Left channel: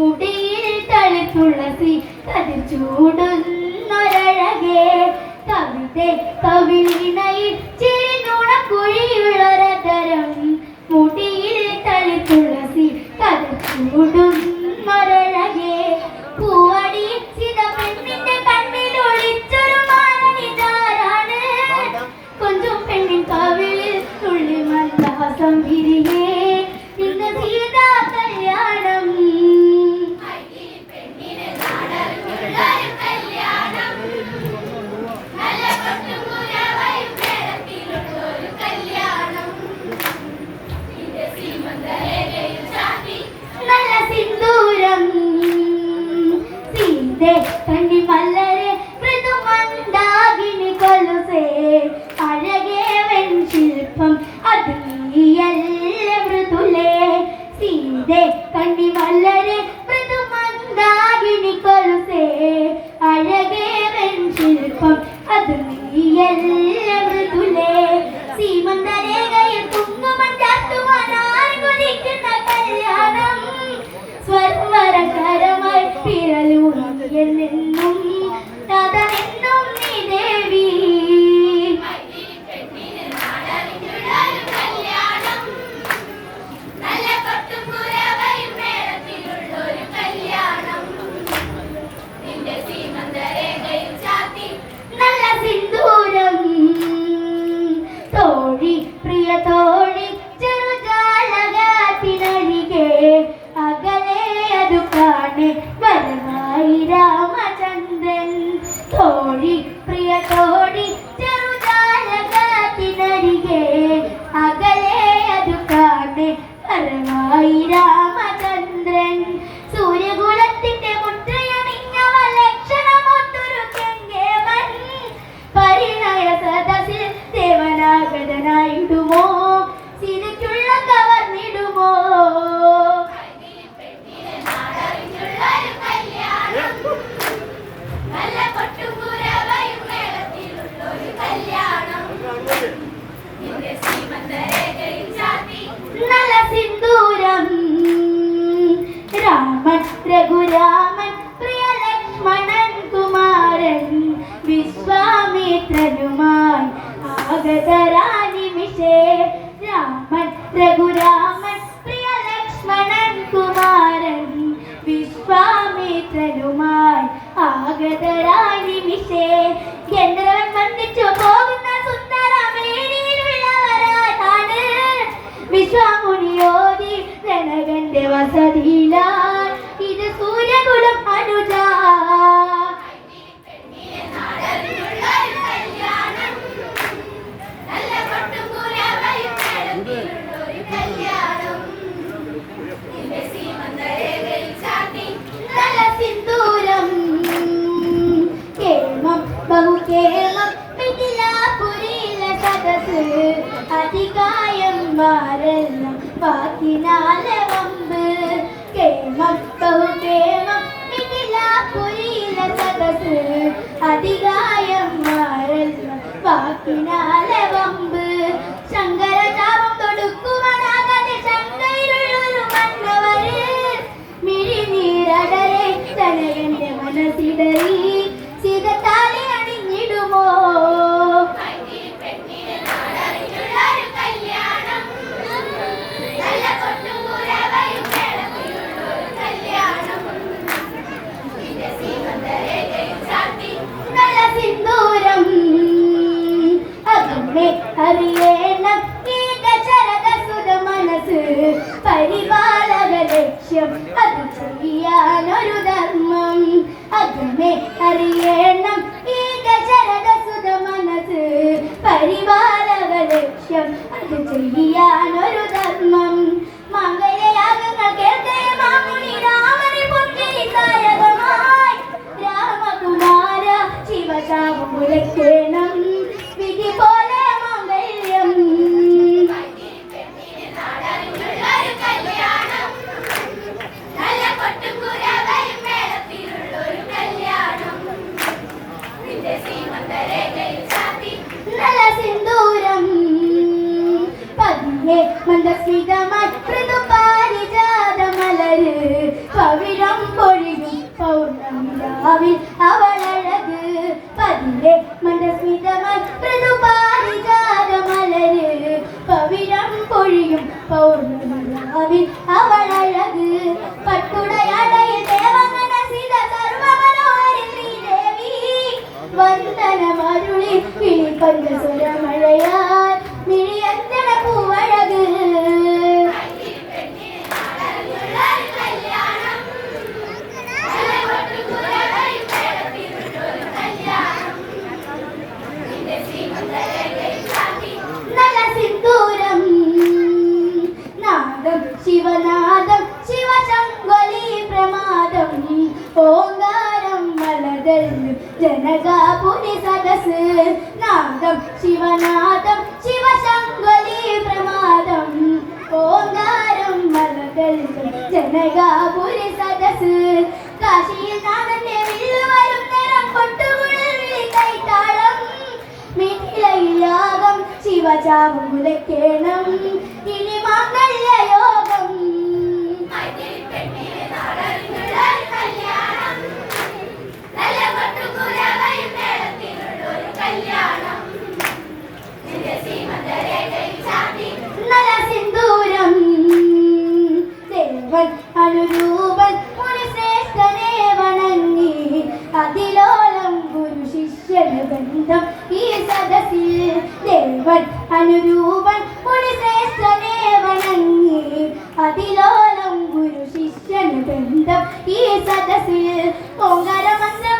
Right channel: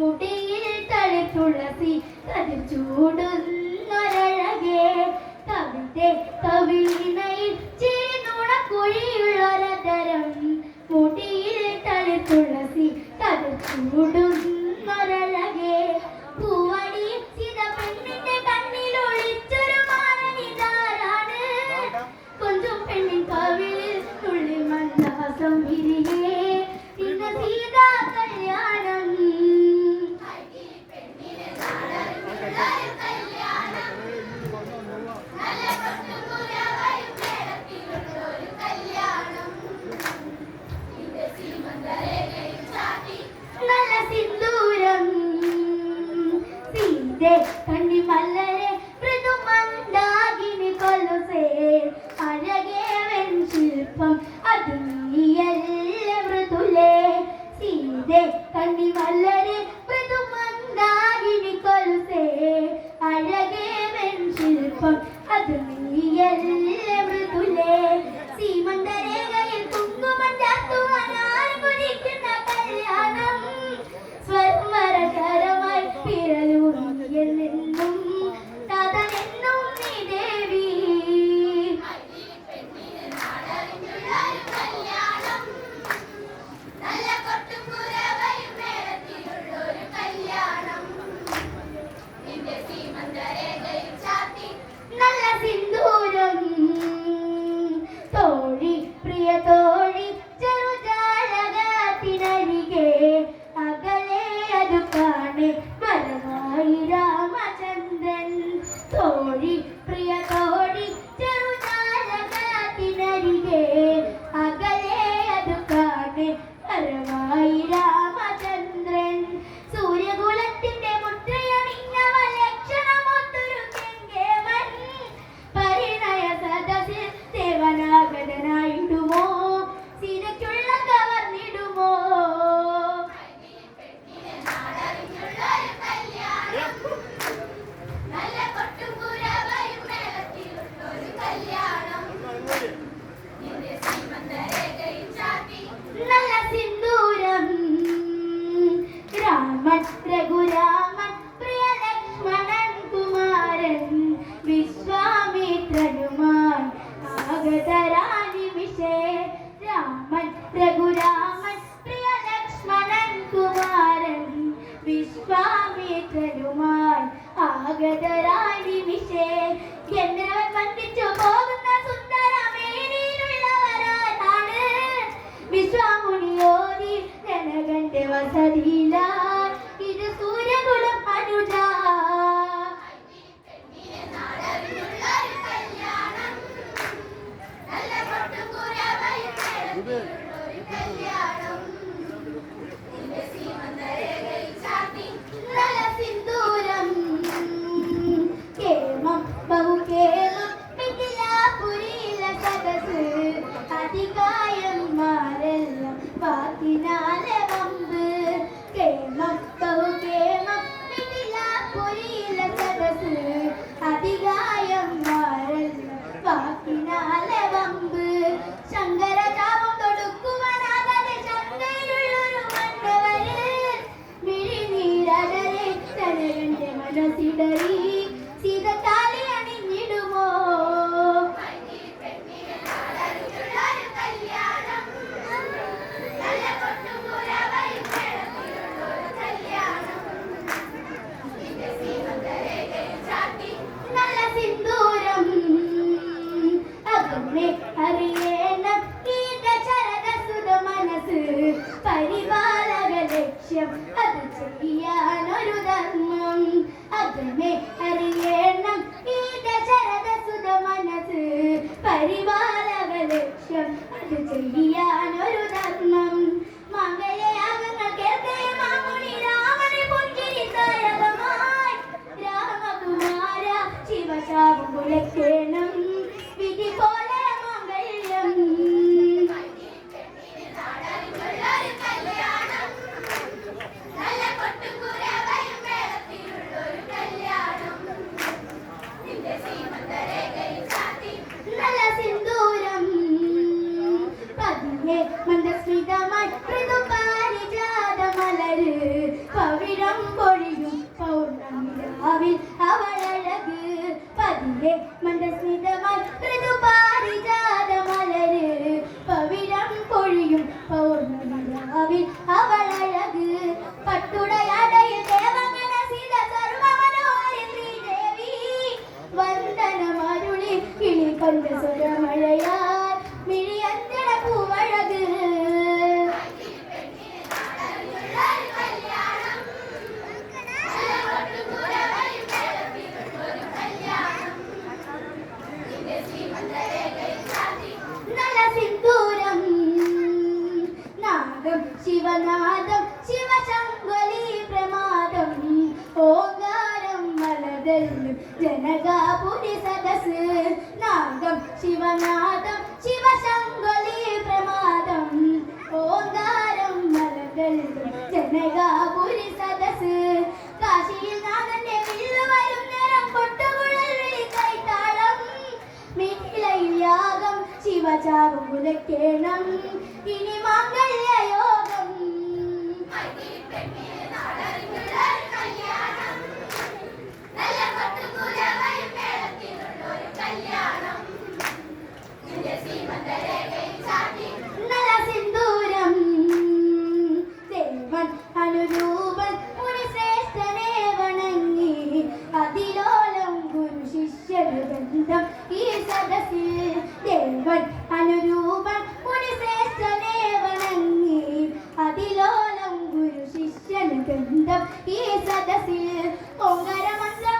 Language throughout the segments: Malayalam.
മുടിയിൽ തണുത്തുളസി കതിർ ചൂടുന്നൊരഴകേ. കവിത കവിളിനയിൽ ചേനുണക്കുഴിയുള്ളൊരതരം മുടിയിൽ തണുത്തുളസി കതിർ ചൂടുന്നൊരഴകേ. പൂവടി ചിത പെണ്ണിന്റെ കണ്ണിൽ ഒളിച്ചൊരു മാനിതാരാണ് കൊഞ്ചും പെണ്ണിൻ കവിളിൽ തുള്ളി മന്ദാസം വിരിയേ Ele Free, free. ഭഗവാനുമായി ആഗതരാനിമിഷേ Raman Raghuraman പ്രിയ ലക്ഷ്മണൻ കുമാരൻ വിശ്വാമിത്രനുമായി ആഗതരാനിമിഷേ. ഗന്ധർവൻ വന്ദിച്ചു പോകുന്ന സുന്ദരമേനിയിലുള്ളവരാണ് വിശ്വാമുനിയോതി ജനകന്റെ വസതിയിലാണ് അധികായം വാരെല്ലാം വാക്കിനാലെ ലക്ഷ്യം അത് ചെയ്യാനോ I of the ശിവനാഥം ശിവശങ്കലി പ്രമാദം. ഓങ്കാരം മലകൾ ജനകാപുരി സദസ് കാശിയിൽ നാഥന്റെ വില്ലു വരും നേരം പൊട്ടുകുഴൽ വിളി കൈത്താളം മിഥിലയിലാകം ശിവചാവും കുലക്കേണം ഇനി മാംഗല്യ യോഗം. പെണ്ണേ. ബന്ധം ഈ സദസ്സിൽ ദേവൻ അനുരൂപൻ ഗുണശ്രേഷ്ഠ ദേവനങ്ങി അതിലോലം ഗുരു ശിഷ്യൻ ബന്ധം ഈ സദസ്സിൽ ഓങ്കാരമന്ത്രം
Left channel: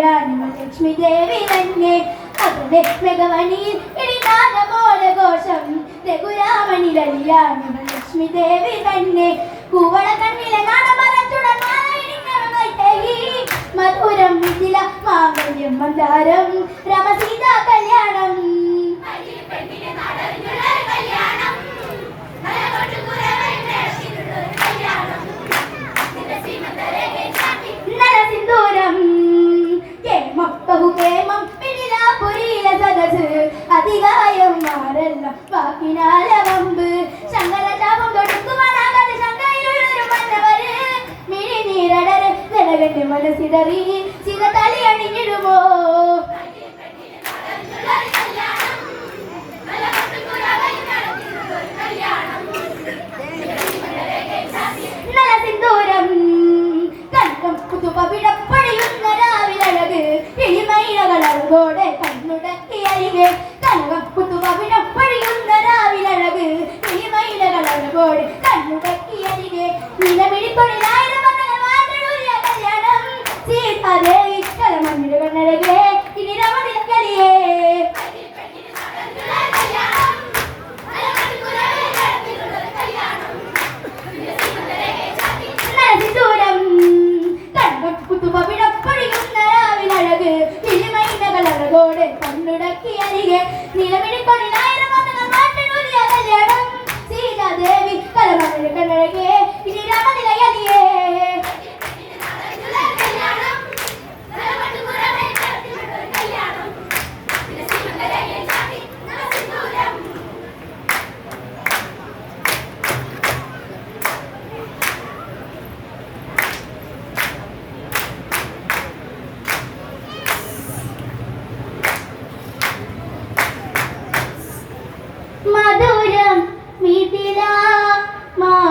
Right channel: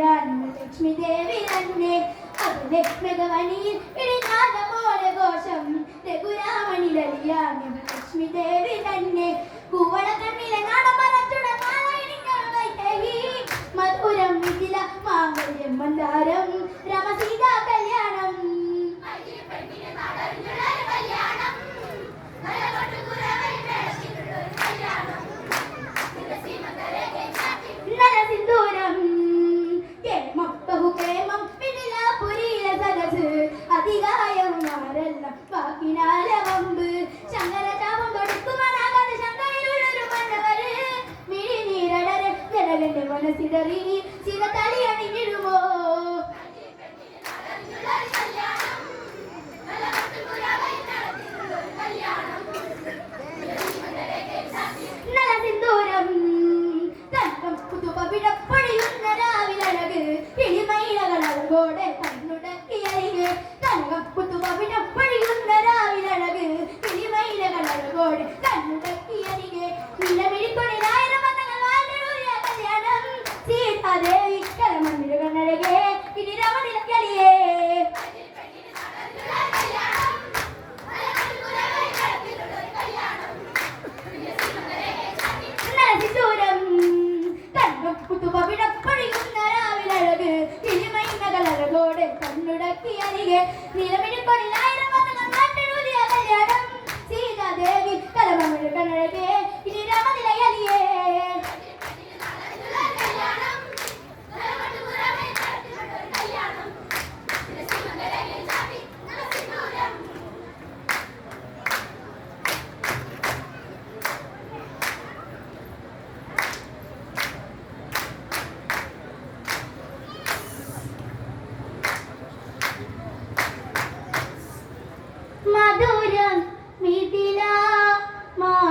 പുരാണങ്ങൾ ലക്ഷ്മി ദേവി തന്നെ അവരുടെ മൃഗമണിയിൽ പിടിനാഥ പോലെ ഘോഷം രഘുരാമണി ലല്യാണങ്ങൾ ലക്ഷ്മി തന്നെ കൂവള வாக்கினால வம்பு. சங்கல தாபம் தொடுக்குமா நாகாத சங்காயில் இருப்பந்தவர் மினி நீரடர் நிலகண்டு அணிஞ்சிடுமோ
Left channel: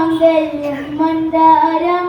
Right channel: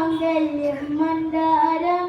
മാംഗല്യം മന്ദാരം.